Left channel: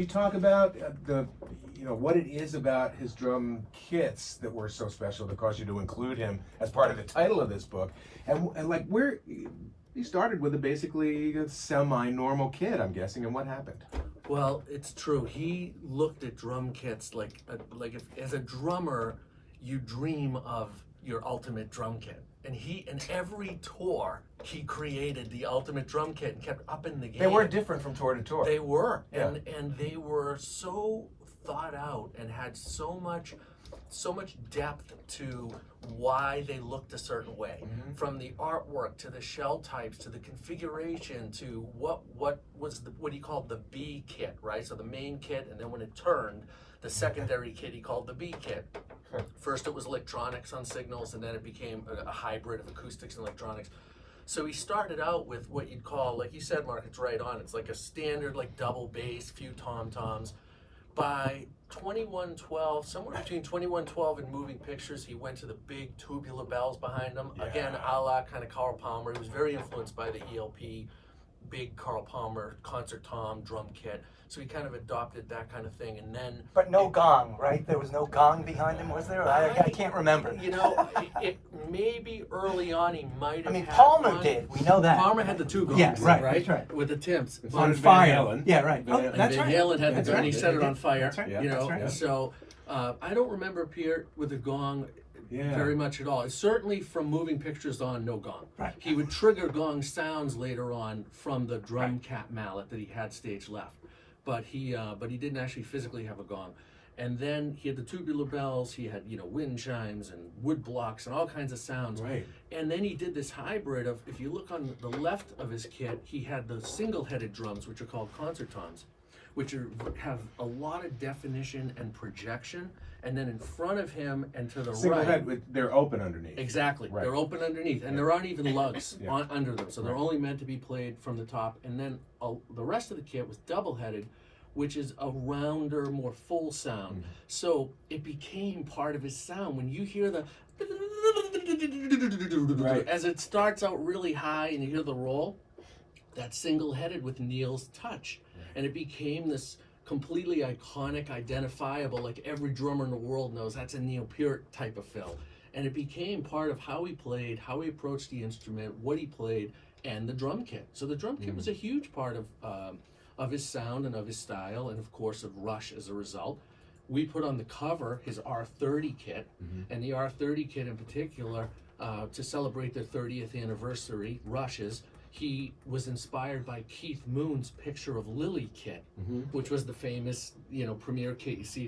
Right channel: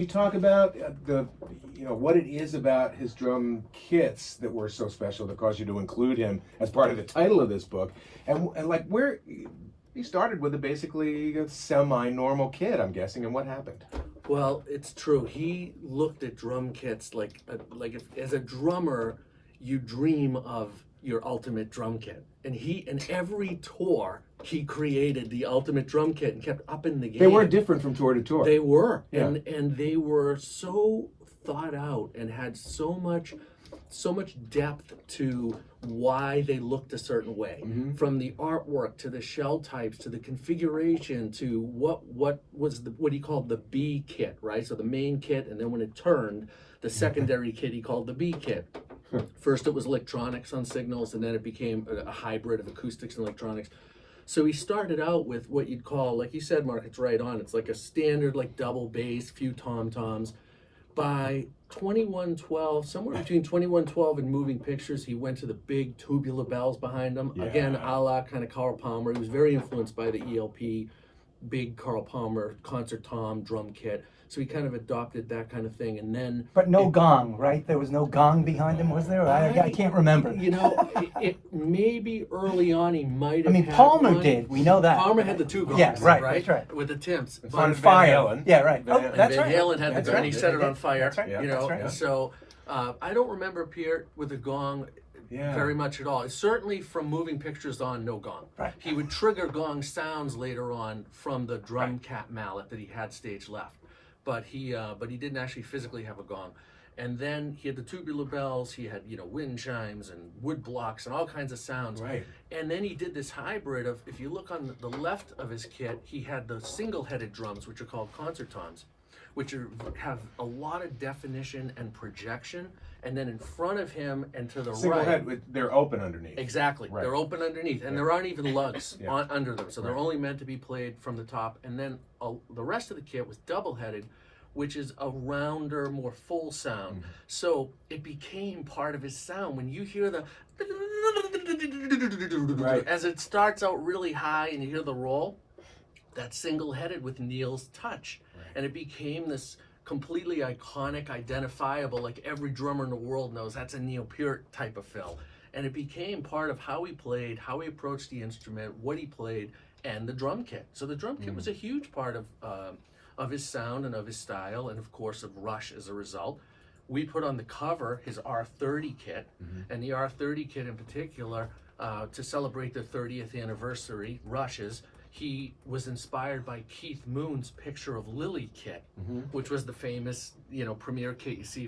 You talk about what it is about his drum kits that were so special that caused you to include him as part of the title of this book, and like where he started with basically a semi-normal kid, I'm guessing, and what happened? Well, it's true. He looked at drum kits like if, as a drummer, you dream of your ultimate drum kit, and in every tour he created the ultimate drum kit and kept up in the game. They were different from tour to tour. They were, yeah. and they were so thought out and had so much depth to why they looked a certain way, from the artwork to the shell types to the configuration to what he called the B kit, right? So the main kit, and then when it turned, the secondary kit he called the B kit. First it was electronics on signals, and then it became a hybrid of acoustics and electronics. So he started out with what you'd call, like you said, Mark, it's right on. It's like a standard, like double bass, few tom-toms. By 2112, somewhere between 2112 and Moving Pictures, he went to the big tubular bells behind him. Yeah. Again, a la kind of Carl Palmer. He was very influenced by the ELP, big Carl Palmer concert tom drum kit. So he kind of adopted that kind of thing, and then... But no gong, right? There was no gong behind him, was there? I can't remember. You know, maybe early on he might have. I mean, had Palmer one. did. We know that. Palmer had the two gongs, yes, right, right? That's right. With the Timps. On fire. Yeah, right. Oh, that's Van right. Halen had the gun. He set it on fire. That's right. You know, that's right. so I don't remember Peart with a gong. Yeah. Very much at all. Certainly from Moving Pictures on, no gong. Right. He would trigger gong sounds later on from the drum cap mallet that he had stage left, but he didn't actually physically have a gong. And then he had the tubular bells. He had wind chimes and wood blocks and all kinds of sounds. Right. And then he did this hybrid of, if you look on the left of his kit, he had the single-headed drums, which are called concert toms, which have a lot of definition and projection. And then in front of him and to the Single right, head, they're open underneath. exactly, right. They're open underneath, and there aren't even lugs under them, so they're right. only meant to be played from the top. And then the rest of the kit was double-headed, which is a rounder, more full sound. So it became part of his sound. When you hear the right. as it starts out really high and you hear the roll, that's single-headed with Neil's touch. Right. And it became this completely iconic, identifiable, like every drummer in the world knows that's a Neil Peart type of fill. And it became part of how he played, how he approached the instrument, what he played, and the drum kit. So the drum kit was a huge part of his sound and of his style, and of course of Rush as a result. We put on the cover his R30 kit, and the R30 kit in particular, to celebrate their 30th anniversary, Rush's, he was inspired by Keith Moon's Picture of Lily kit, which was the famous, premier kit you see